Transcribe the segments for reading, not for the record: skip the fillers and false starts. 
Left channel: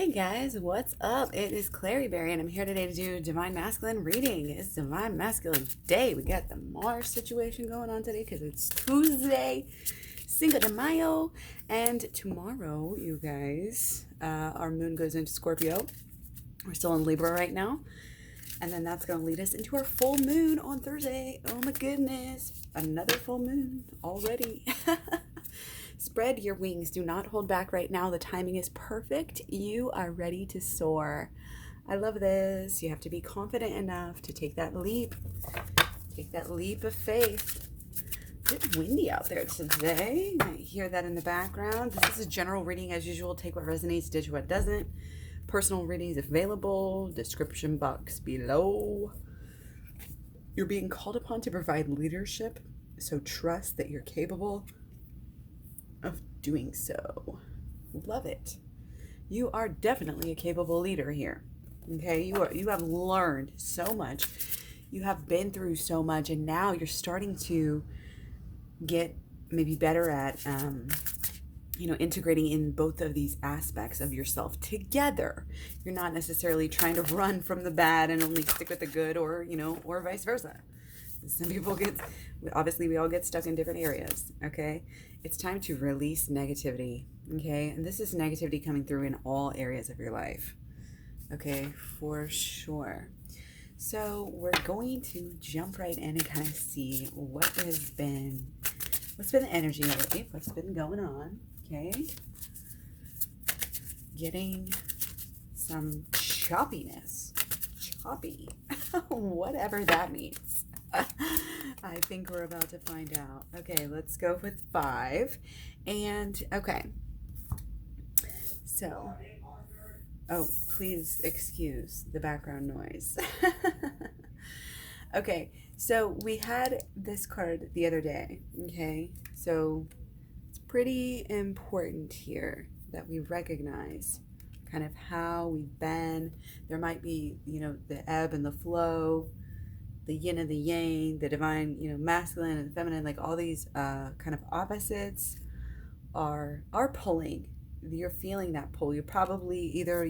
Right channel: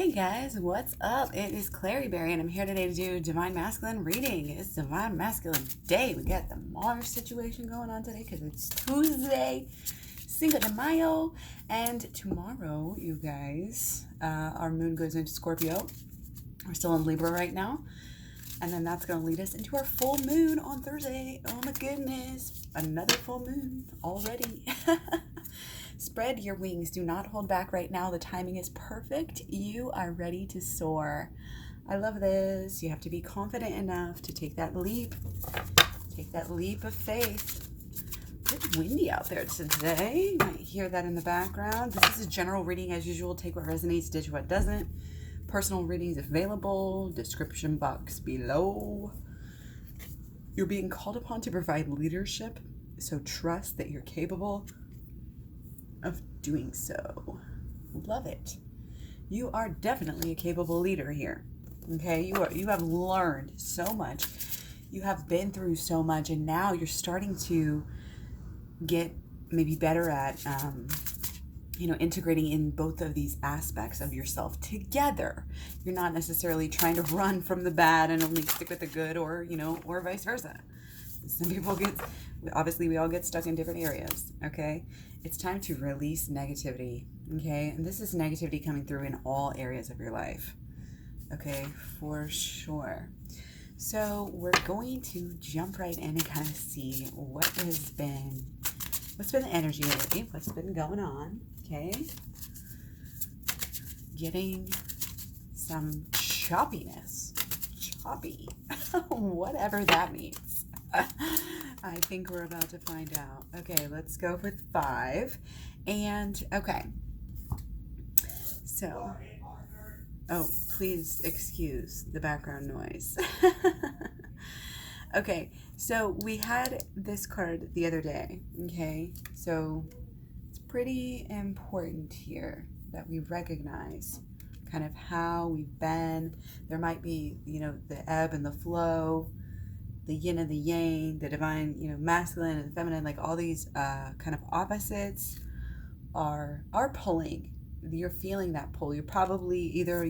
Hey guys, what's up? It is Klaireeberry, and I'm here today to do Divine Masculine reading. It's Divine Masculine Day. We got the Mars situation going on today because it's Tuesday, Cinco de Mayo, and tomorrow, you guys, our moon goes into Scorpio. We're still in Libra right now, and then that's going to lead us into our full moon on Thursday. Oh my goodness, another full moon already. Spread your wings. Do not hold back right now. The timing is perfect. You are ready to soar. I love this. You have to be confident enough to take that leap. Take that leap of faith. A bit windy out there today. You might hear that in the background. This is a general reading as usual. Take what resonates, ditch what doesn't. Personal readings available. Description box below. You're being called upon to provide leadership, so trust that you're capable of doing so. Love it. You are definitely a capable leader here. Okay, you have learned so much. You have been through so much, and now you're starting to get maybe better at integrating in both of these aspects of yourself together. You're not necessarily trying to run from the bad and only stick with the good, or or vice versa. Some people obviously we all get stuck in different areas. Okay, it's time to release negativity. Okay, and this is negativity coming through in all areas of your life. Okay, for sure. So we're going to jump right in and kind of see what's been the energy lately, what's been going on. Okay, getting some choppiness, choppy, whatever that means. I think we're about to find out. Okay, let's go with 5. And okay, so, oh, please excuse the background noise. Okay, so we had this card the other day. Okay, so it's pretty important here that we recognize kind of how we've been. There might be, the ebb and the flow, the yin and the yang, the divine, masculine and feminine, like all these kind of opposites are pulling. You're feeling that pull. You're probably either,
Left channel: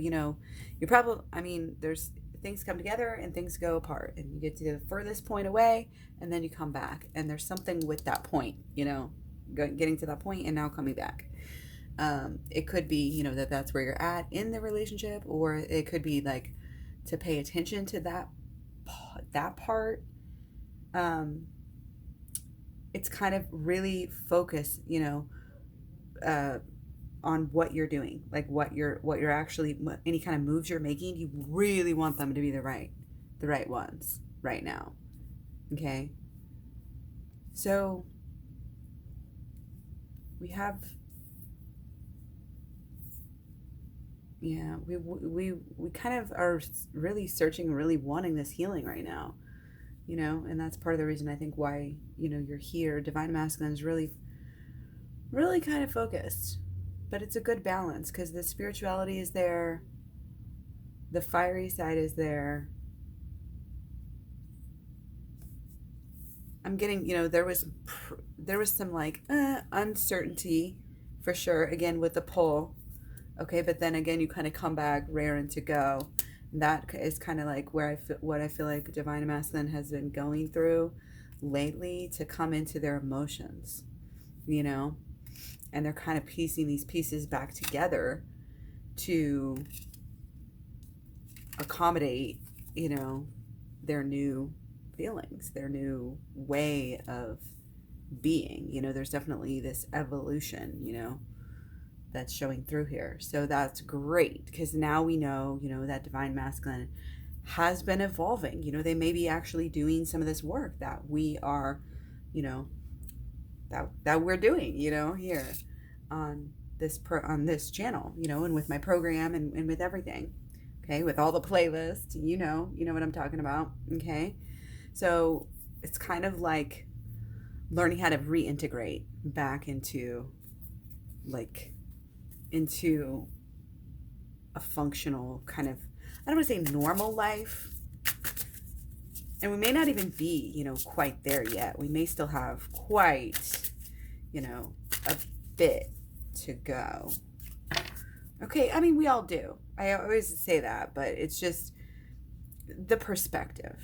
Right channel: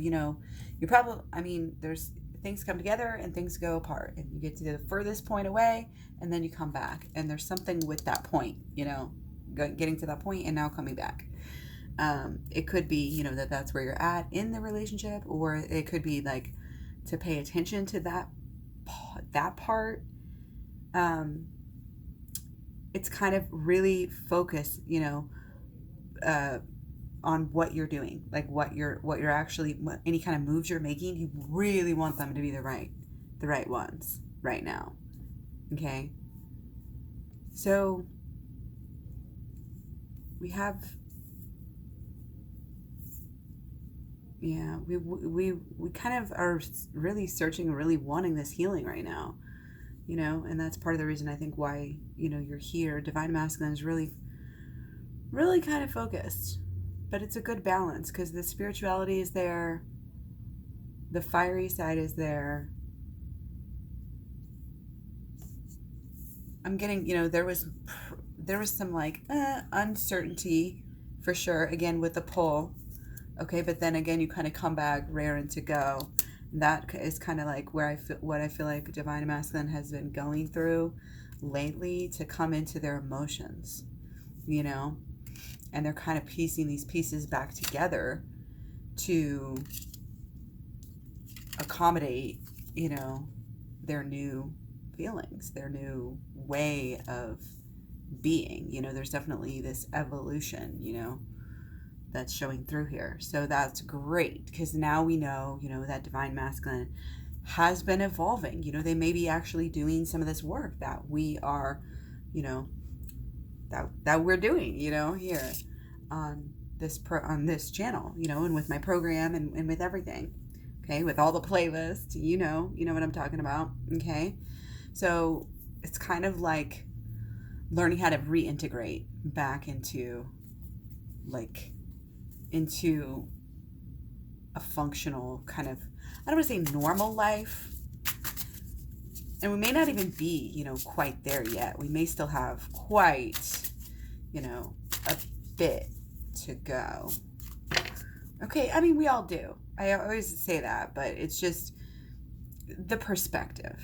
there's things come together and things go apart, and you get to the furthest point away and then you come back, and there's something with that point, getting to that point and now coming back. It could be, that's where you're at in the relationship, or it could be like to pay attention to that part. It's kind of really focus, on what you're doing, like what you're actually, any kind of moves you're making. You really want them to be the right ones right now. Okay, so we have, we kind of are really searching and really wanting this healing right now, and that's part of the reason I think why, you're here. Divine Masculine is really kind of focused, but it's a good balance because the spirituality is there, the fiery side is there. I'm getting, there was some like uncertainty for sure, again with the pull. Okay, but then again, you kind of come back raring to go. And that is kind of like where I feel like Divine Masculine has been going through lately, to come into their emotions, and they're kind of piecing these pieces back together to accommodate, their new feelings, their new way of being. There's definitely this evolution, that's showing through here. So that's great, because now we know, that Divine Masculine has been evolving. They may be actually doing some of this work that we are, that we're doing, here on this channel, and with my program and with everything. Okay, with all the playlists, you know what I'm talking about. Okay, so it's kind of like learning how to reintegrate back into a functional kind of, I don't want to say normal life, and we may not even be, quite there yet. We may still have quite, a bit to go. Okay, I mean, we all do. I always say that, but it's just the perspective.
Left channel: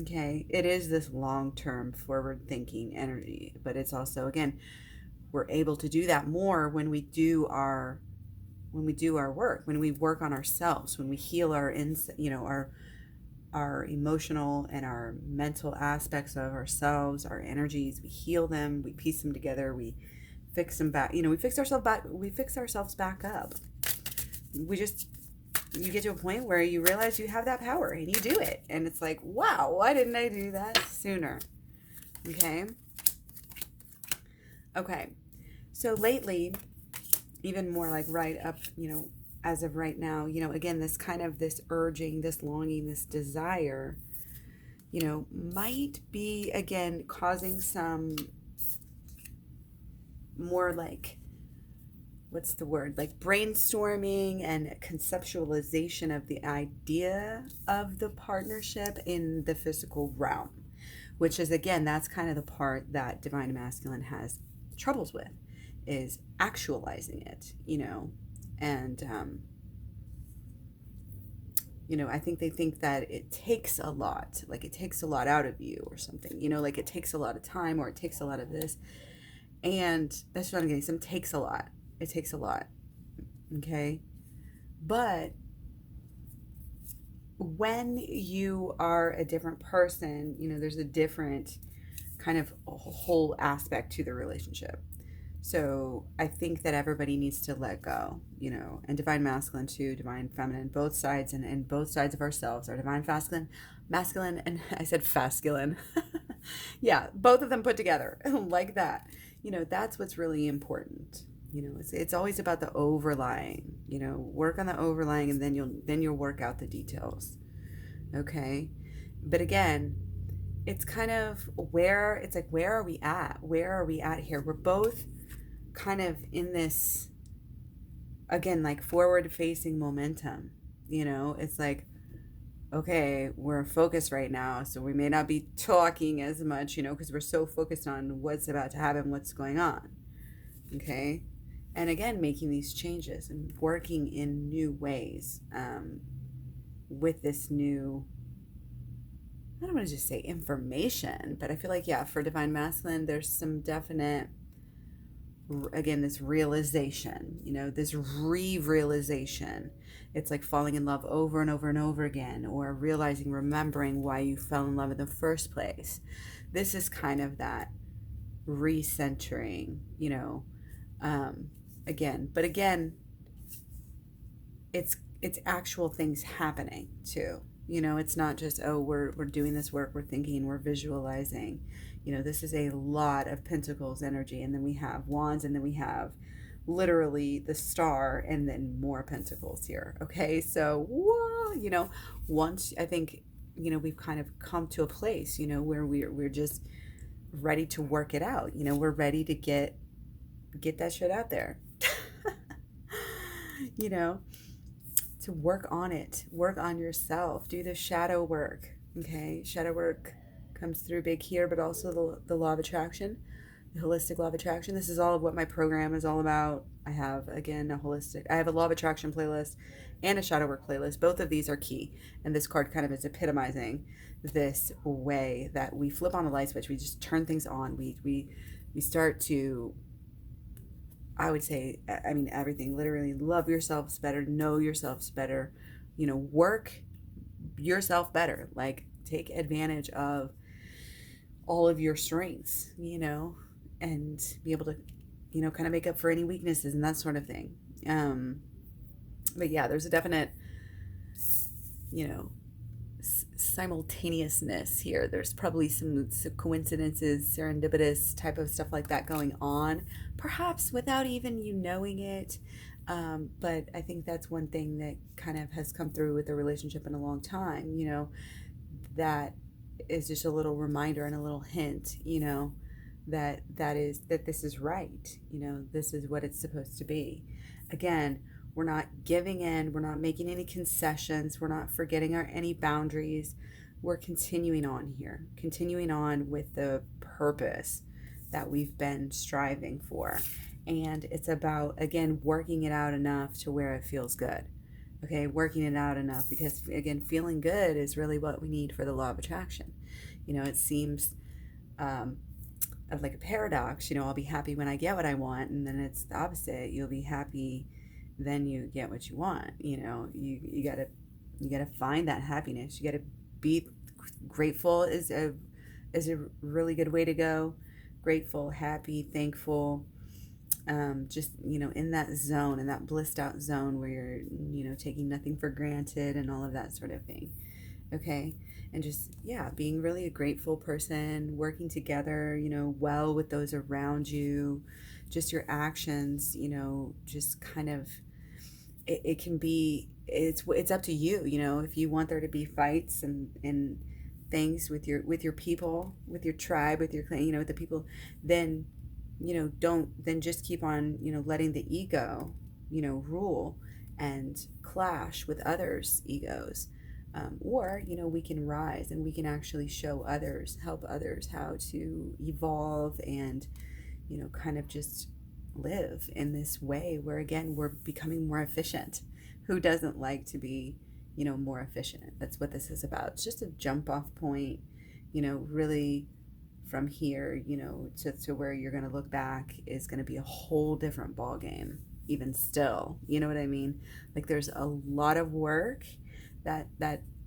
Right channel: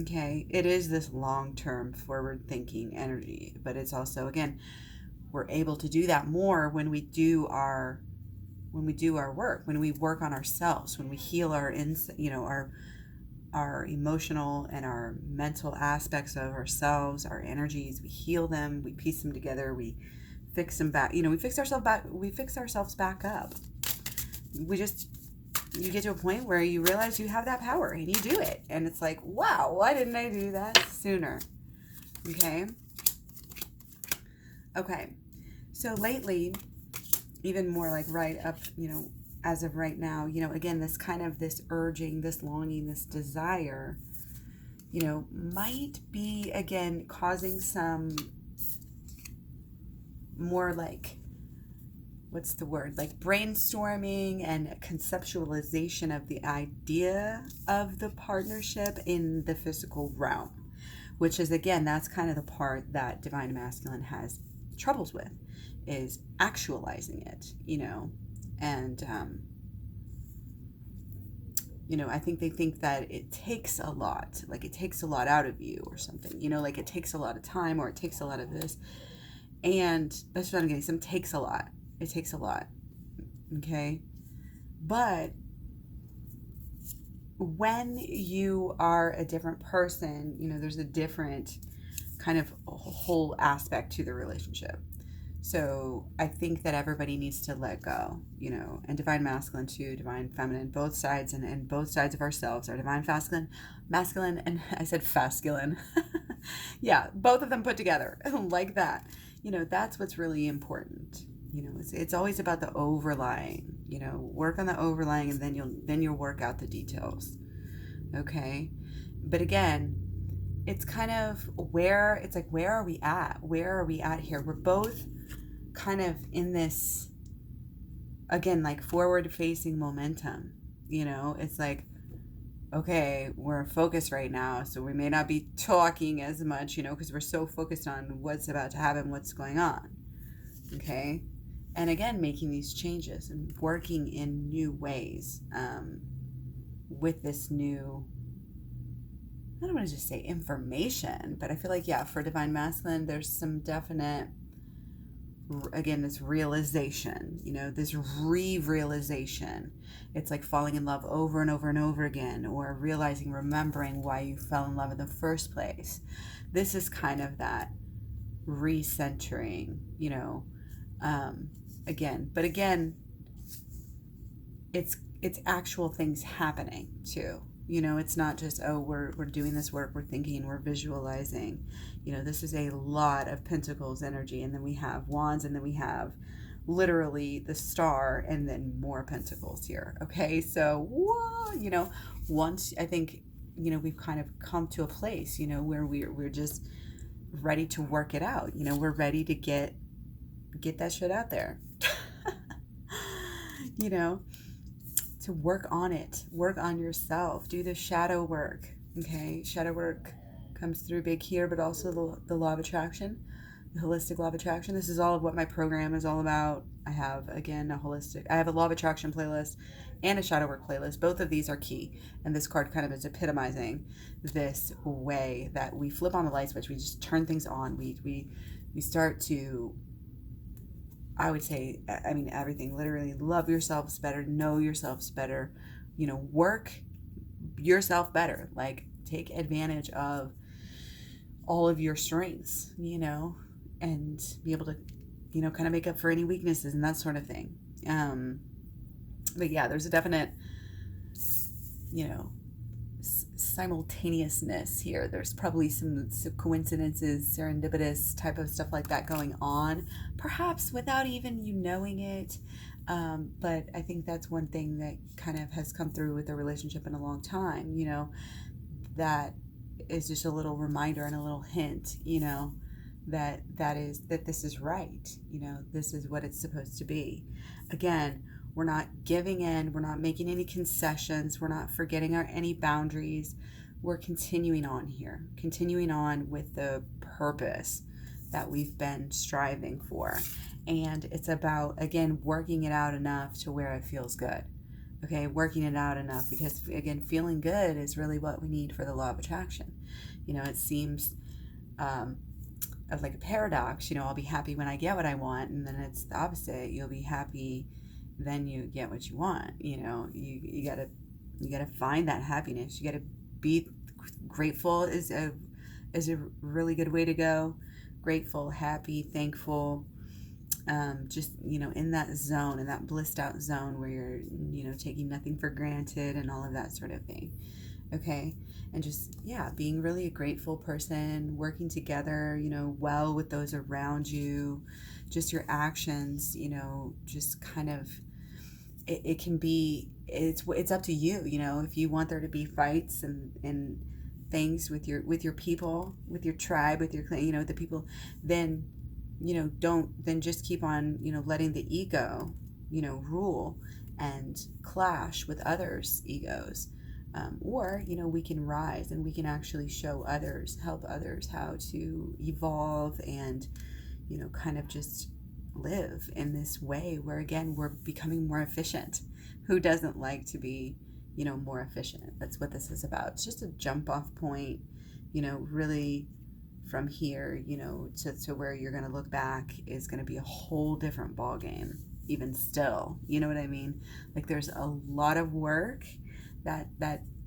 Okay, it is this long-term forward-thinking energy, but it's also, again, we're able to do that more when we do our work, when we work on ourselves, when we heal our emotional and our mental aspects of ourselves, our energies. We heal them, we piece them together, we fix them back. We fix ourselves back up. You get to a point where you realize you have that power and you do it. And it's like, wow, why didn't I do that sooner? Okay. Okay. So lately, even more like right up, as of right now, again, this urging, this longing, this desire, might be, again, causing some more like, what's the word? Like brainstorming and conceptualization of the idea of the partnership in the physical realm, which is, again, that's kind of the part that Divine Masculine has troubles with, is actualizing it, and, I think they think that it takes a lot, like it takes a lot out of you or something, like it takes a lot of time or it takes a lot of this. And that's what I'm getting. Some takes a lot. It takes a lot. Okay. But when you are a different person, there's a different kind of whole aspect to the relationship. So I think that everybody needs to let go, and Divine Masculine too, Divine Feminine, both sides, and both sides of ourselves are Divine Masculine, and I said fasculine. Yeah, both of them put together like that. That's what's really important. It's always about the overlying, work on the overlying, and then you'll work out the details. Okay. But again, it's kind of where are we at? Where are we at here? We're both kind of in this, again, like forward facing momentum. It's like, okay, we're focused right now, so we may not be talking as much, because we're so focused on what's about to happen, what's going on. Okay. And again, making these changes and working in new ways, with this new, I don't want to just say information, but I feel like, yeah, for Divine Masculine, there's some definite, again, this realization, this re-realization. It's like falling in love over and over and over again, or remembering why you fell in love in the first place. This is kind of that recentering, again. But again, it's actual things happening too. It's not just, oh, we're doing this work, we're thinking, we're visualizing. This is a lot of pentacles energy, and then we have wands, and then we have literally the star, and then more pentacles here. Okay, so once I think we've kind of come to a place where we're just ready to work it out. We're ready to get that shit out there. To work on it, work on yourself, do the shadow work. Okay, shadow work comes through big here, but also the law of attraction, the holistic law of attraction. This is all of what my program is all about. I have, again, I have a law of attraction playlist and a shadow work playlist. Both of these are key, and this card kind of is epitomizing this way that we flip on the light switch. We just turn things on. We start to, I would say, I mean, everything, literally love yourselves better, know yourselves better, work yourself better, like take advantage of all of your strengths, and be able to, kind of make up for any weaknesses and that sort of thing. But yeah, there's a definite, simultaneousness here. There's probably some coincidences, serendipitous type of stuff like that going on, perhaps without even you knowing it. But I think that's one thing that kind of has come through with the relationship in a long time, that is just a little reminder and a little hint, that this is right. This is what it's supposed to be. Again, we're not giving in. We're not making any concessions. We're not forgetting any boundaries. We're continuing on here, continuing on with the purpose that we've been striving for. And it's about, again, working it out enough to where it feels good. Okay, working it out enough, because again, feeling good is really what we need for the law of attraction. It seems of like a paradox. I'll be happy when I get what I want, and then it's the opposite. You'll be happy, then you get what you want. You gotta find that happiness. You gotta be grateful is a really good way to go. Grateful, happy, thankful. Just in that zone, in that blissed out zone where you're taking nothing for granted and all of that sort of thing. Okay, and just being really a grateful person, working together well with those around you. Just your actions, just kind of it can be, it's up to you. If you want there to be fights and things with your people, with your tribe, with your clan, with the people, then then just keep on letting the ego rule and clash with others' egos. Or we can rise and we can actually show others, help others how to evolve and kind of just live in this way where, again, we're becoming more efficient. Who doesn't like to be more efficient? That's what this is about. It's just a jump off point, really from here, to where you're going to look back is going to be a whole different ball game, even still. You know what I mean? Like, there's a lot of work that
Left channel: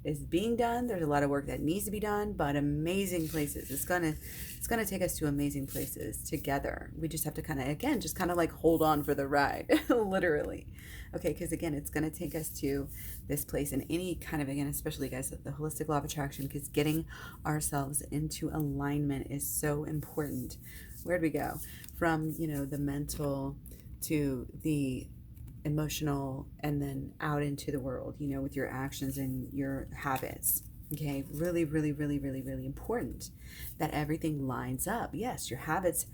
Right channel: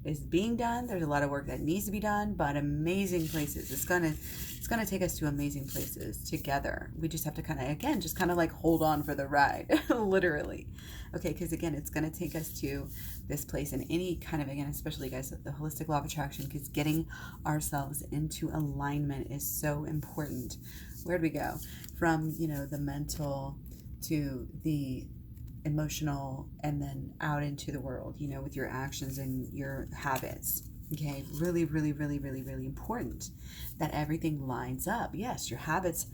is being done. There's a lot of work that needs to be done, but amazing places. It's gonna take us to amazing places together. We just have to kind of like hold on for the ride, literally. Okay, because again, it's gonna take us to this place, and any kind of, again, especially guys, the holistic law of attraction, because getting ourselves into alignment is so important. Where'd we go? From the mental to the emotional, and then out into the world, with your actions and your habits. Okay, really, really, really, really, really important that everything lines up. Yes, your habits,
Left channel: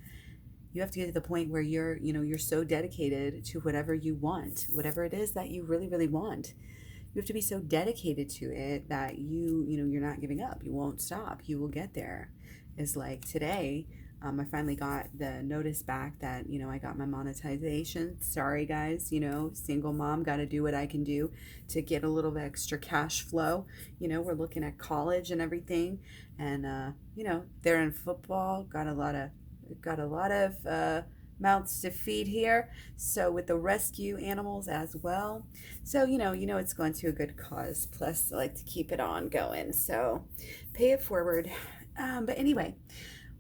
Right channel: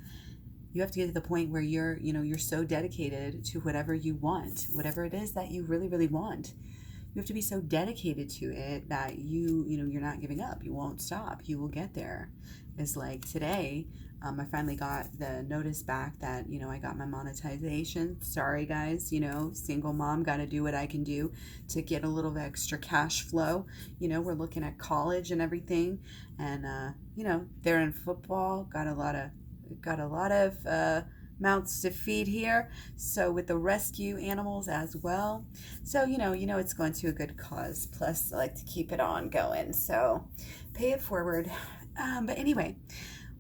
you have to get to the point where you're so dedicated to whatever you want, whatever it is that you really, really want. You have to be so dedicated to it that you're not giving up. You won't stop. You will get there. It's like today, I finally got the notice back that, I got my monetization. Sorry, guys, single mom, got to do what I can do to get a little bit extra cash flow. We're looking at college and everything. And, they're in football, got a lot of mouths to feed here. So with the rescue animals as well. So, it's going to a good cause. Plus, I like to keep it on going. So pay it forward. But anyway,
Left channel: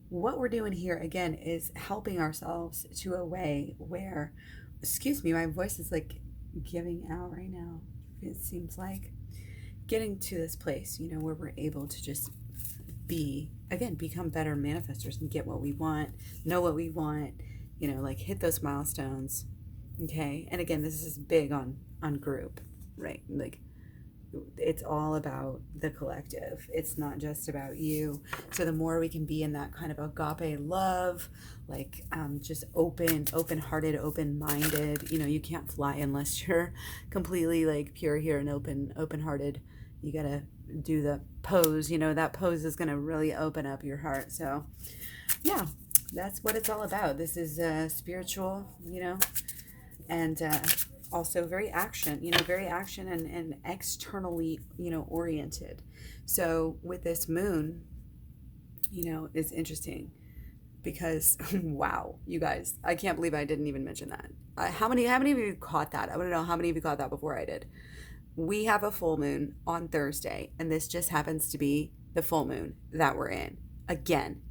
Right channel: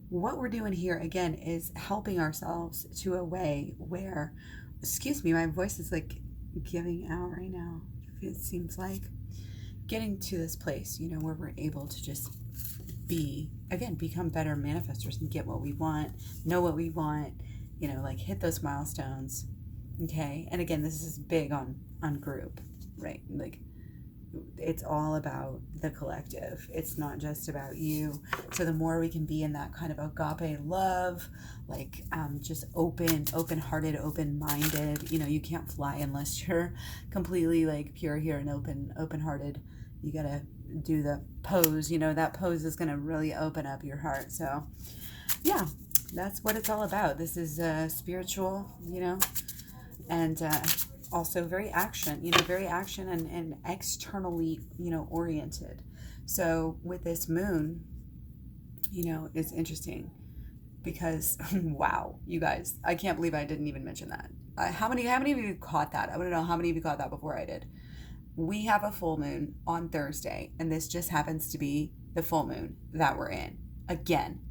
what we're doing here, again, is helping ourselves to a way where, excuse me, my voice is like giving out right now. It seems like getting to this place, where we're able to just become better manifestors and get what we want, know what we want, like hit those milestones. Okay. And again, this is big on group, right? Like, it's all about the collective. It's not just about you. So the more we can be in that kind of agape love, like just open-hearted, open-minded. You can't fly unless you're completely like pure here and open-hearted. You gotta do the pose. That pose is gonna really open up your heart. So yeah, that's what it's all about. This is spiritual, and also very action and externally, oriented. So with this moon, it's interesting because, wow, you guys, I can't believe I didn't even mention that. How many of you caught that? I want to know how many of you caught that before I did. We have a full moon on Thursday, and this just happens to be the full moon that we're in again.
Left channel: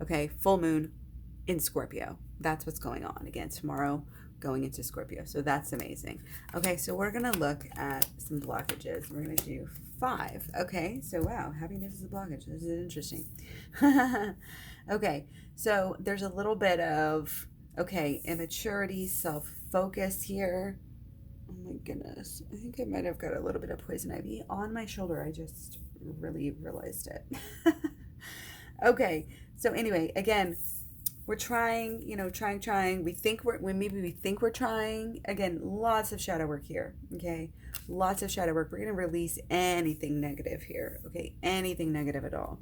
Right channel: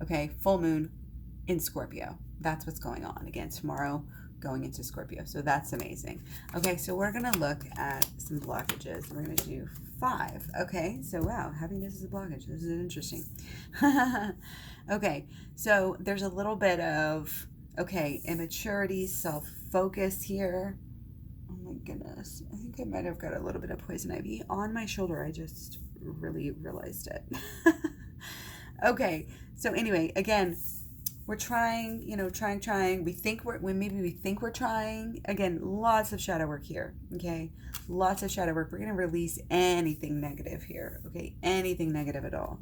Okay, full moon in Scorpio. That's what's going on again tomorrow, going into Scorpio. So that's amazing. Okay, so we're going to look at some blockages. We're going to do 5. Okay, so wow, happiness is a blockage. This is interesting. Okay, so there's a little bit of, immaturity, self-focus here. Oh my goodness. I think I might have got a little bit of poison ivy on my shoulder. I just really realized it. Okay, so anyway, again, we're trying, trying. We think we're trying. Again, lots of shadow work here, okay? Lots of shadow work. We're going to release anything negative here, okay? Anything negative at all.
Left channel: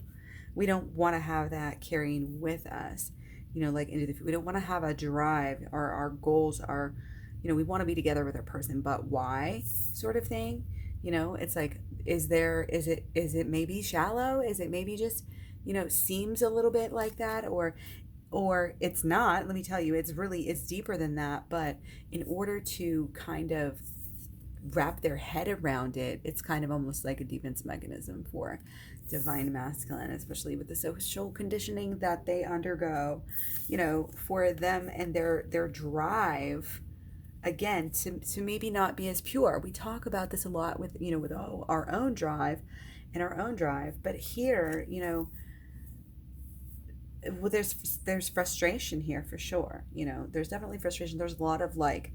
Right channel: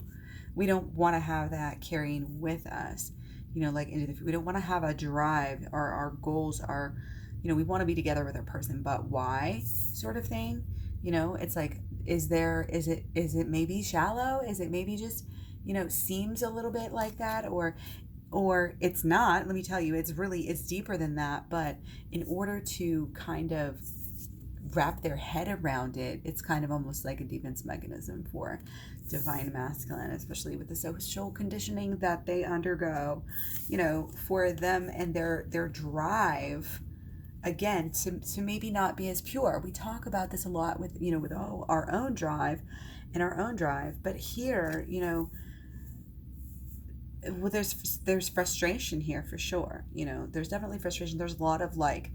We don't want to have that carrying with us. you know, like into the, we don't want to have a drive, or our goals are, you know, we want to be together with our person, but why, sort of thing. You know, it's like, is it maybe shallow? Is it maybe just, you know, seems a little bit like that, or it's not. Let me tell you, it's deeper than that. But in order to kind of wrap their head around it, it's kind of almost like a defense mechanism for divine masculine, especially with the social conditioning that they undergo, you know, for them and their drive, again, to maybe not be as pure. We talk about this a lot with, you know, with our own drive and our own drive. But here, you know, well, there's frustration here for sure. You know, there's definitely frustration. There's a lot of like,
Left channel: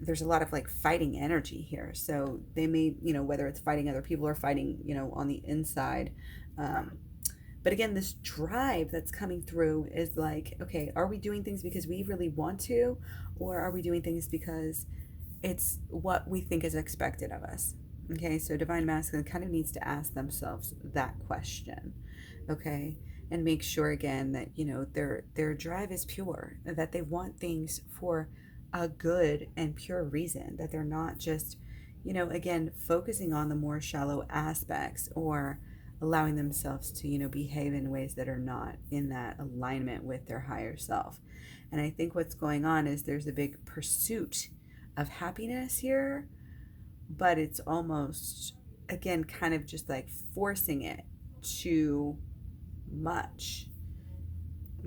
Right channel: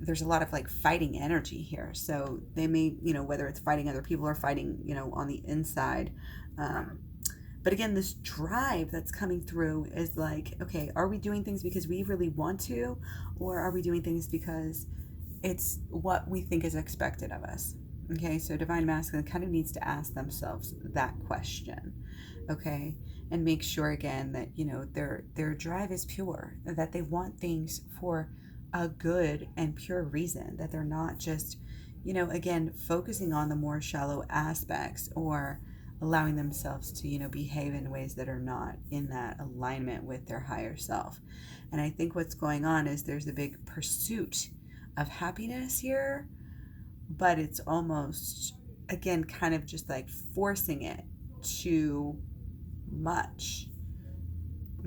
there's a lot of like fighting energy here. So they may, you know, whether it's fighting other people or fighting, you know, on the inside. But again, this drive that's coming through is like, okay, are we doing things because we really want to, or are we doing things because it's what we think is expected of us? Okay, so divine masculine kind of needs to ask themselves that question, okay, and make sure again that, you know, their drive is pure, that they want things for a good and pure reason, that they're not just, you know, again, focusing on the more shallow aspects, or allowing themselves to, you know, behave in ways that are not in that alignment with their higher self. And I think what's going on is there's a big pursuit of happiness here, but it's almost, again, kind of just like forcing it too much.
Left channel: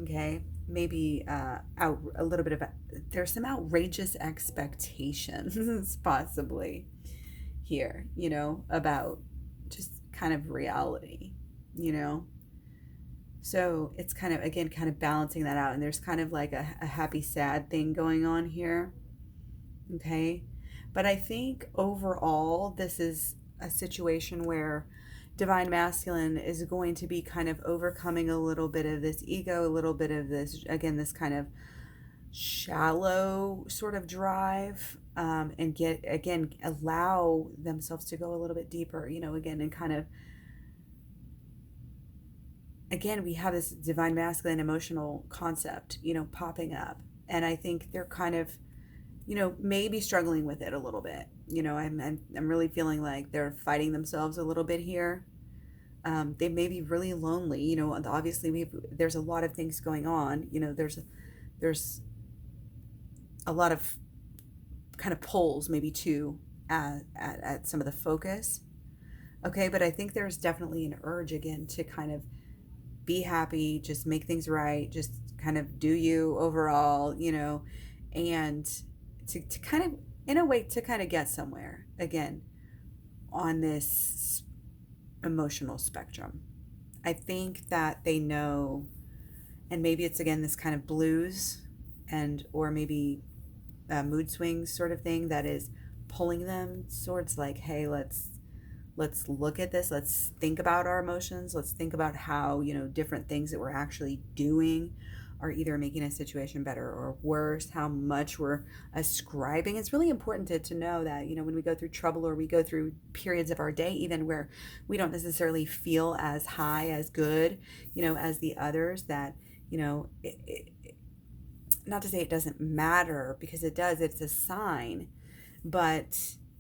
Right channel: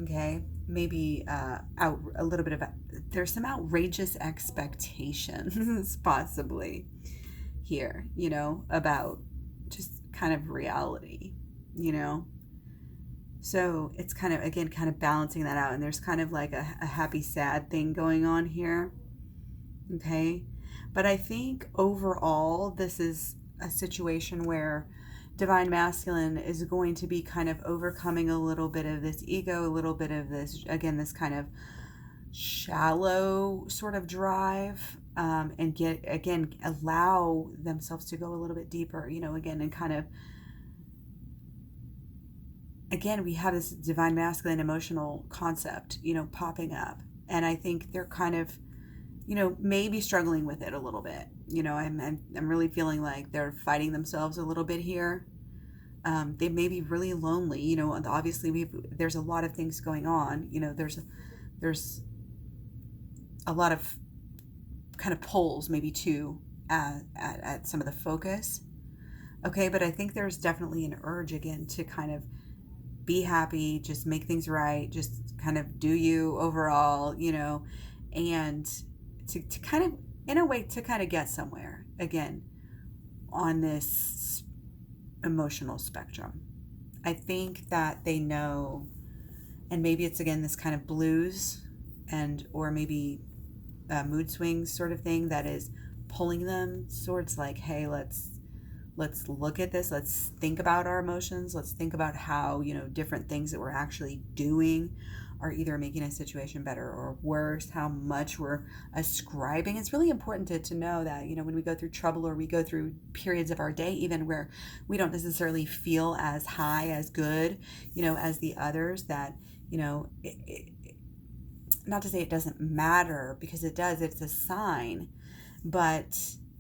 Okay, maybe out a little bit of there's some outrageous expectations possibly here, you know, about just kind of reality, you know. So it's kind of, again, kind of balancing that out, and there's kind of like a happy sad thing going on here. Okay, but I think overall this is a situation where divine masculine is going to be kind of overcoming a little bit of this ego, a little bit of this, again, this kind of shallow sort of drive, and allow themselves to go a little bit deeper, you know, again, and kind of, again, we have this divine masculine emotional concept, you know, popping up. And I think they're kind of, you know, maybe struggling with it a little bit. You know, I'm really feeling like they're fighting themselves a little bit here. They may be really lonely. You know, obviously there's a lot of things going on. You know, there's a lot of kind of pulls maybe too at some of the focus. Okay, but I think there's definitely an urge again to kind of be happy, just make things right, just kind of do you overall, you know, and to kind of, in a way, to kind of get somewhere again on this emotional spectrum. I think that they know, and maybe it's again this kind of blues and or maybe mood swings sort of thing that is pulling them towards like, hey, let's look at this, let's think about our emotions, let's think about how, you know, different things that we're actually doing are either making a situation better or worse, how much we're ascribing. It's really important to know that, you know, when we go through trouble or we go through periods of our day even where we don't necessarily feel as high, as good, you know, as the others, that, you know, not to say it doesn't matter, because it does, it's a sign, but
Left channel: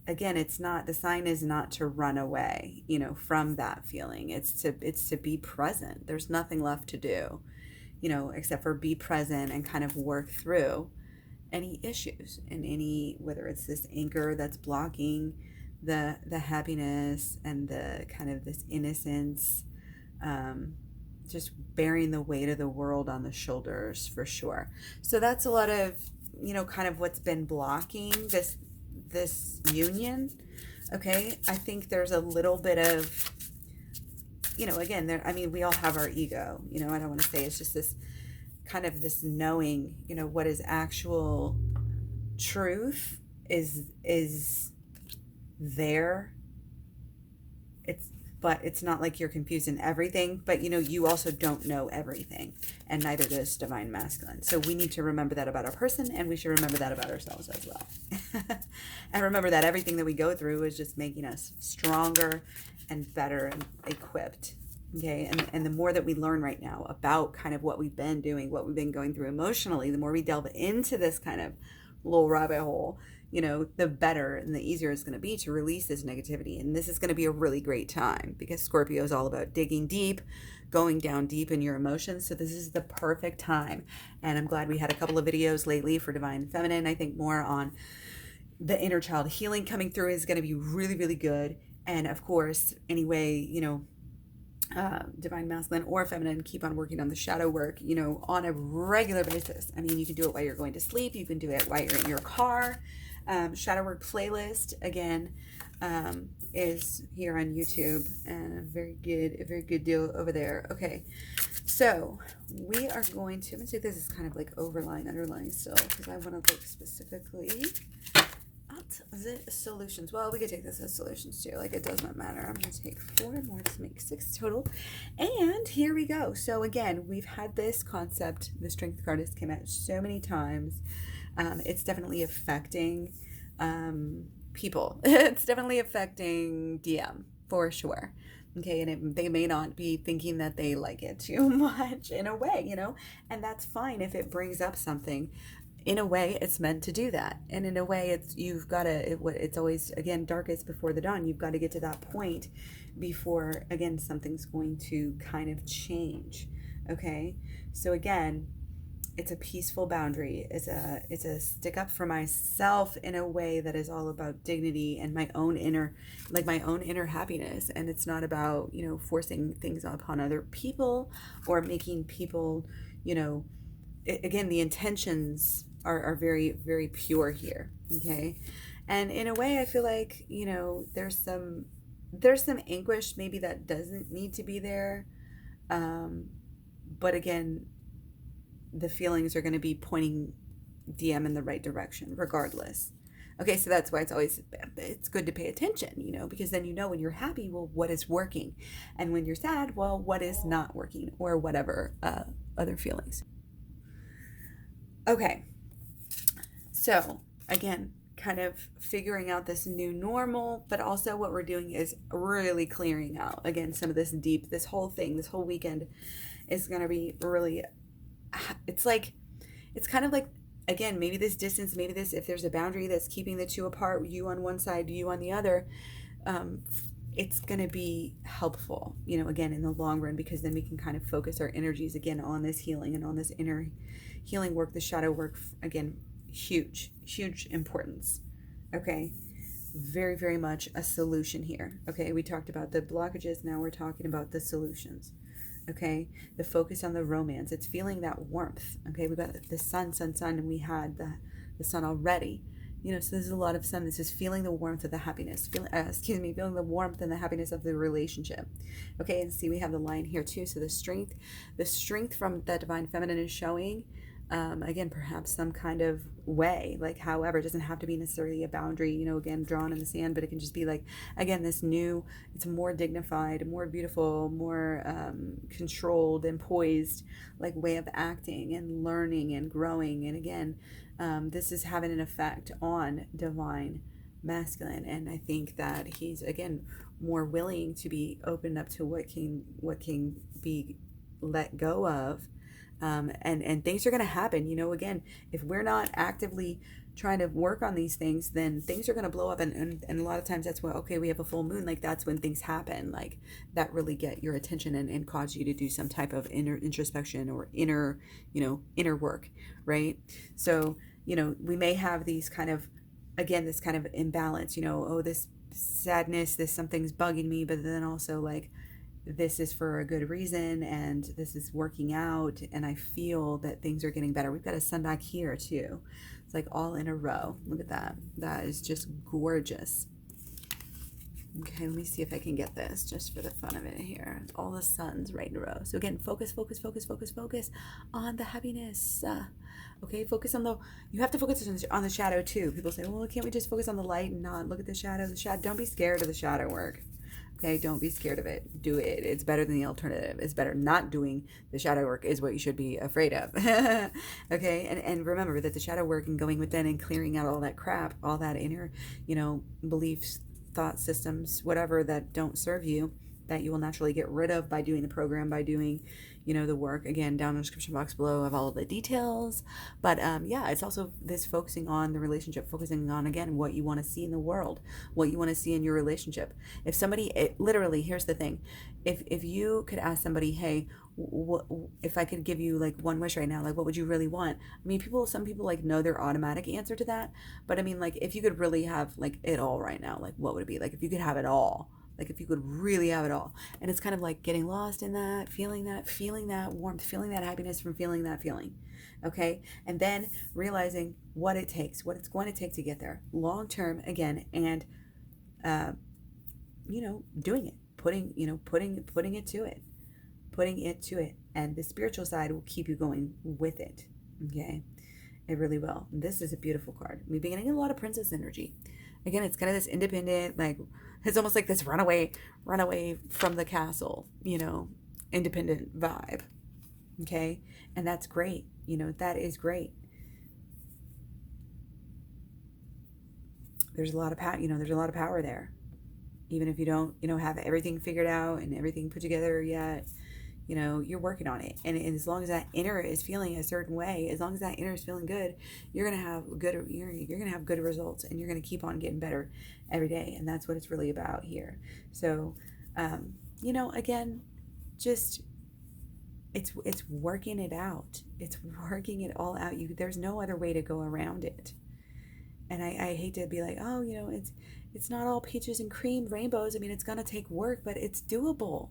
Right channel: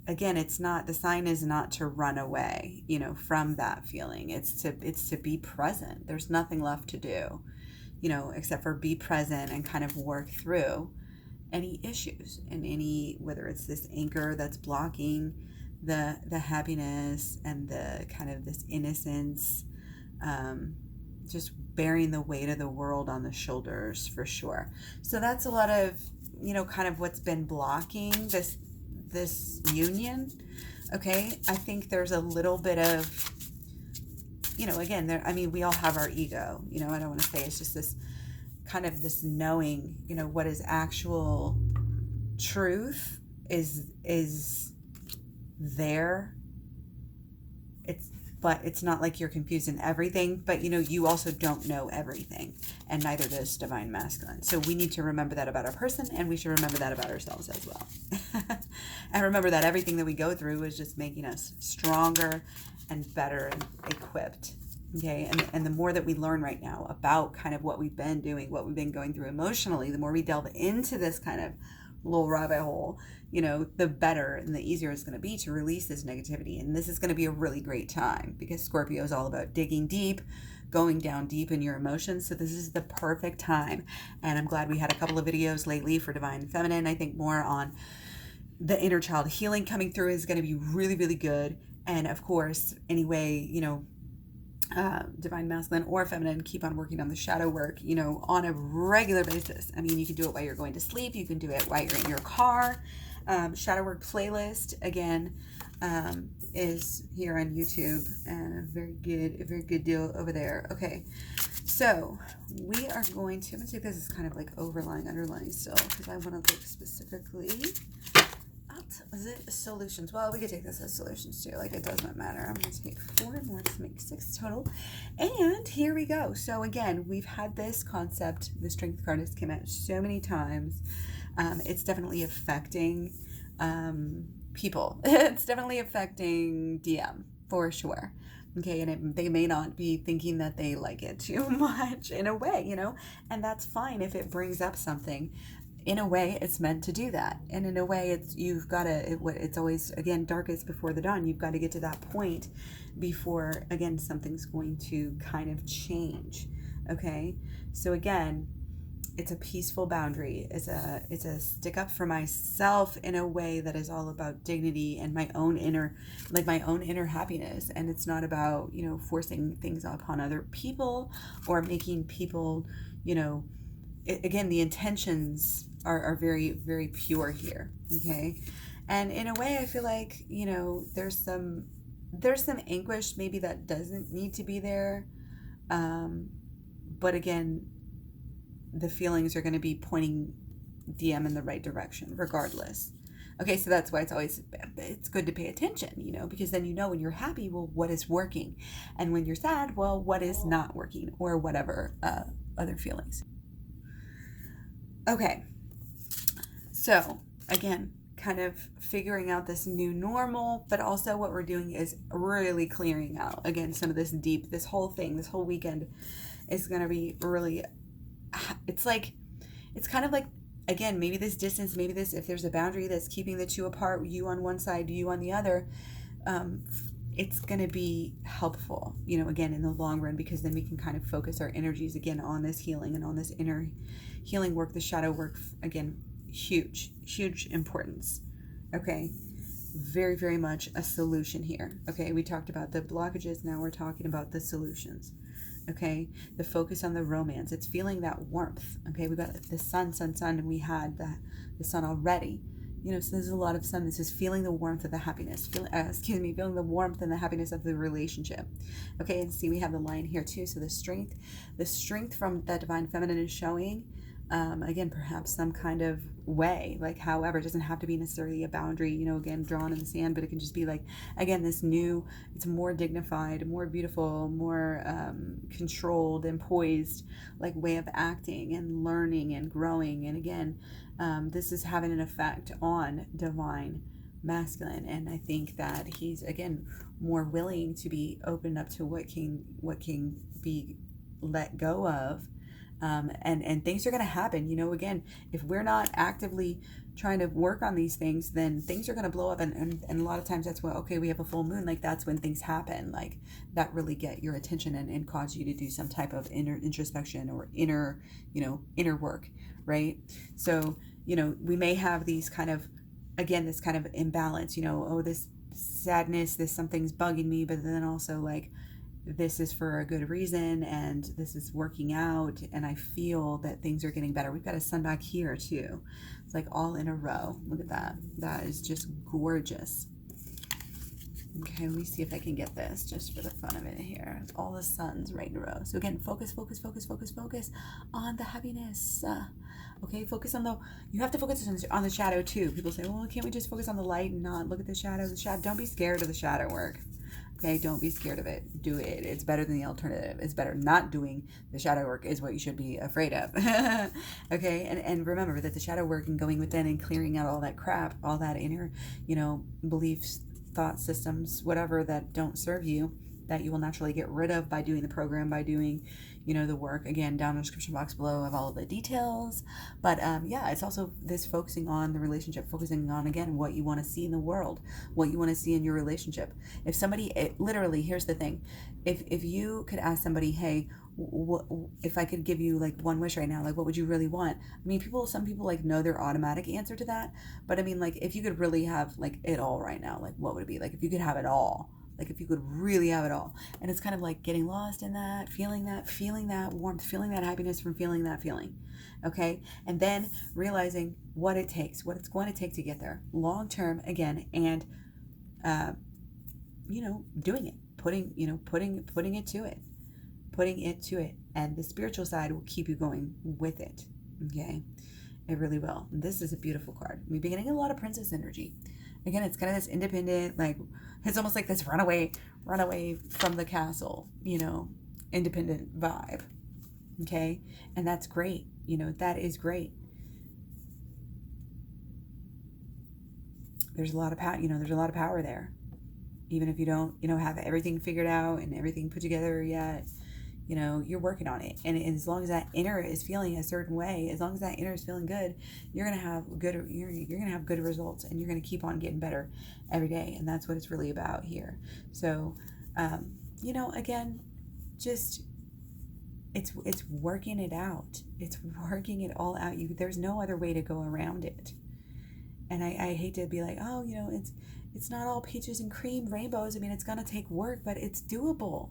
again, it's not, the sign is not to run away, you know, from that feeling. It's to be present. There's nothing left to do, you know, except for be present and kind of work through any issues and any, whether it's this anchor that's blocking the happiness and the kind of this innocence, just bearing the weight of the world on the shoulders for sure. So that's a lot of, you know, kind of what's been blocking this union. Okay, I think there's a little bit of, you know, again, there, I mean, we all have our ego, you know, I don't want to say it's just this kind of this knowing, you know, what is actual truth is there. But it's not like you're confused in everything, but, you know, you also don't know everything, and neither does divine masculine. So we need to remember that about our person, and we should remember that about ourselves as well. And remember that everything that we go through is just making us stronger and better and equipped Okay, and the more that we learn right now about kind of what we've been doing, what we've been going through emotionally, the more we delve into this kind of little rabbit hole, the better and the easier it's going to be to release this negativity. And this is going to be a really great time because Scorpio is all about digging deep, going down deep in your emotions. So this is the perfect time. And I'm glad we had a couple of videos lately for Divine Feminine. I think more on the inner child healing coming through is going to be really, really good. And of course, anyway, Divine Masculine or Feminine, keep on working on the shadow work, on a regular basis. I mean, you can do it while you're going to sleep. You can do it while you're in your car. Shadow work playlist, again, is here on YouTube, and a very good deal over there. Okay, so we are going to, I'm going to take this as kind of like underlying still, because I want to look specifically. Is it solutions? Well, we could take this as solutions too. Like, it does not matter. I'm going to take 4 more to make 6 total. And here we go. So again, we've had this concept. The Strength card has come out so many times. It's definitely affecting people. It's definitely affecting DM for sure. Okay, and they may not be thinking that they like it too much in a way, and that's fine if it brings up something. In a way, it's meant to do that. And in a way, it's always, again, darkest before the dawn. You've got to get to that point before, again, something's going to kind of change. Okay? So again, it's a peaceful boundary. It's a stick up for myself in a way that is all about dignity and my own inner happiness. And it's not about, forcing things upon other people or making people, again, the intentions are very, very pure here. Okay. And in a way, I feel like, there's some anguish maybe that doesn't need to be there. But again, the feelings are going to be pointing DM in the right direction regardless. Okay, so that's why it's good to pay attention, because then when you're happy, well, what is working? And when you're sad, well, what is not working, or whatever other feelings. Okay, so again, kind of figuring out this new normal, but also what we're doing is really clearing out, again, some of this whole weekend is going to be really, it's kind of like, again, maybe this distance, if there's a boundary that's keeping the two apart, you on one side, you on the other, it's going to be helpful, again, in the long run, because then we can kind of focus our energies again on this healing and on this inner healing work, the shadow work, again, huge importance. Okay, very, very much a solution here. Okay, we talked about the blockages, now we're talking about the solutions. Okay, the focus on the romance, it's feeling that warmth. Okay, we got the sun, and we had the sun already. So there's a lot of sun. This is feeling the warmth of the happiness. Feeling the warmth and the happiness of the relationship. Okay, and see, we have the line here too. So the strength from that Divine Feminine is showing. Again, perhaps some kind of way, like, however, it doesn't have to be necessarily a boundary, again, drawn in the sand, but it can just be like, again, it's more dignified, more beautiful, more controlled and poised, like, way of acting and learning and growing. And again, this is having an effect on Divine Masculine, and I think that he's, again, more willing to be opened up to what can be let go of. And things are going to happen, again, if we're not actively trying to work on these things, then things are going to blow up. And a lot of times that's when, okay, we have a full moon, like, that's when things happen, like, that really get your attention and cause you to do some type of introspection or inner work, right? So, we may have these kind of, again, this kind of imbalance, this sadness, something's bugging me, but then also, like, this is for a good reason, and this is working out, and I feel that things are getting better. We've got a sun back here too. It's like all in a row. Look at that. That is just gorgeous. Okay, let me see if I can get this just for the fun of it here. All the suns right in a row. So again, focus on the happiness. Okay, focus on you have to focus on the shadow too. People say, well, can't we just focus on the light and not look at the shadow? Don't be scared of the shadow work. Okay, don't be scared of it. Do it. It's better than the alternative. It's better. Not doing the shadow work is what you should be afraid of. Okay, and remember that the shadow work and going within and clearing out all that crap, all that inner, beliefs, thought systems, whatever that don't serve you, that you will naturally get rid of by doing the program, by doing, you know, the work. Again, down in the description box below of all of the details. But yeah, it's also this focusing on the relationship, focusing on, again, what you want to see in the world, what you want to see in your relationship. If somebody, literally, here's the thing. If you could ask somebody, hey, if I could give you like one wish right now, like what would you really want? I mean, some people like know their automatic answer to that, but I mean, like if you could really have like it all right now, like what would it be? Like if you could have it all, like if you could really have it all. And it's kind of like getting lost in that warmth, feeling that happiness from feeling that feeling. Okay. And then realizing what it takes, what it's going to take to get there long term again. And, you know, doing it, putting it to it. Putting it to it, and the spiritual side will keep you going with it. Okay, it really will. This is a beautiful card. We've been getting a lot of princess energy. Again, it's kind of this independent, like it's almost like this runaway from the castle, you know, independent vibe. Okay, and that's great. You know, that is great. There's a lot of power. You know, there's a lot of power there. Even if you don't, you know, have everything figured out and everything put together yet, you know, you're working on it. And as long as that inner is feeling a certain way, as long as that inner is feeling good, you're going to have good results, and you're going to keep on getting better every day. And that's what it's really about here. So, you know, again, just, it's working it out. It's working it all out. There's no other way to go around it. And I hate to be like, oh, you know, it's not all peaches and cream rainbows. I mean, it's going to take work, but it's doable.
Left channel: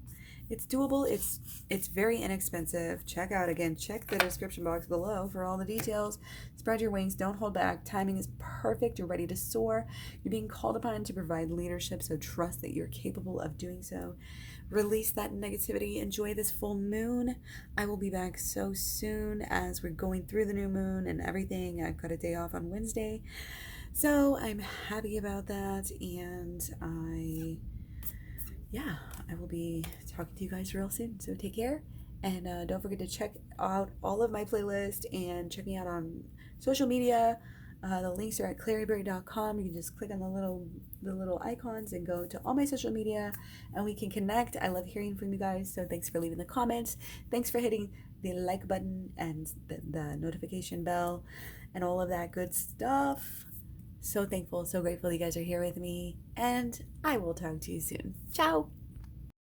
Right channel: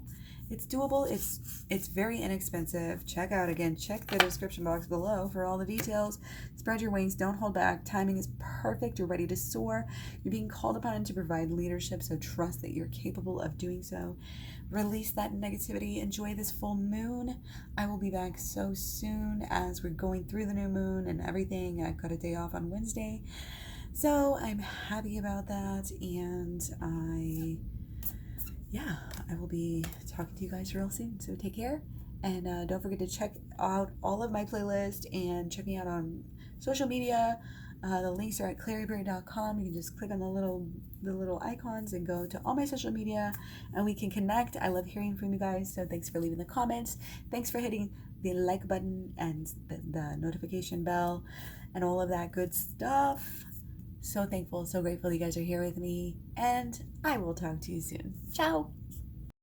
It's doable. It's very inexpensive. Check the description box below for all the details. Spread your wings. Don't hold back. Timing is perfect. You're ready to soar. You're being called upon to provide leadership, so trust that you're capable of doing so. Release that negativity. Enjoy this full moon. I will be back so soon as we're going through the new moon and everything. I've got a day off on Wednesday, so I'm happy about that, and I will be talking to you guys real soon. So take care, and don't forget to check out all of my playlists and check me out on social media. The links are at Klaireeberry.com. You can just click on the little icons and go to all my social media, and we can connect. I love hearing from you guys, so thanks for leaving the comments. Thanks for hitting the like button and the notification bell and all of that good stuff. So thankful, so grateful you guys are here with me, and I will talk to you soon. Ciao.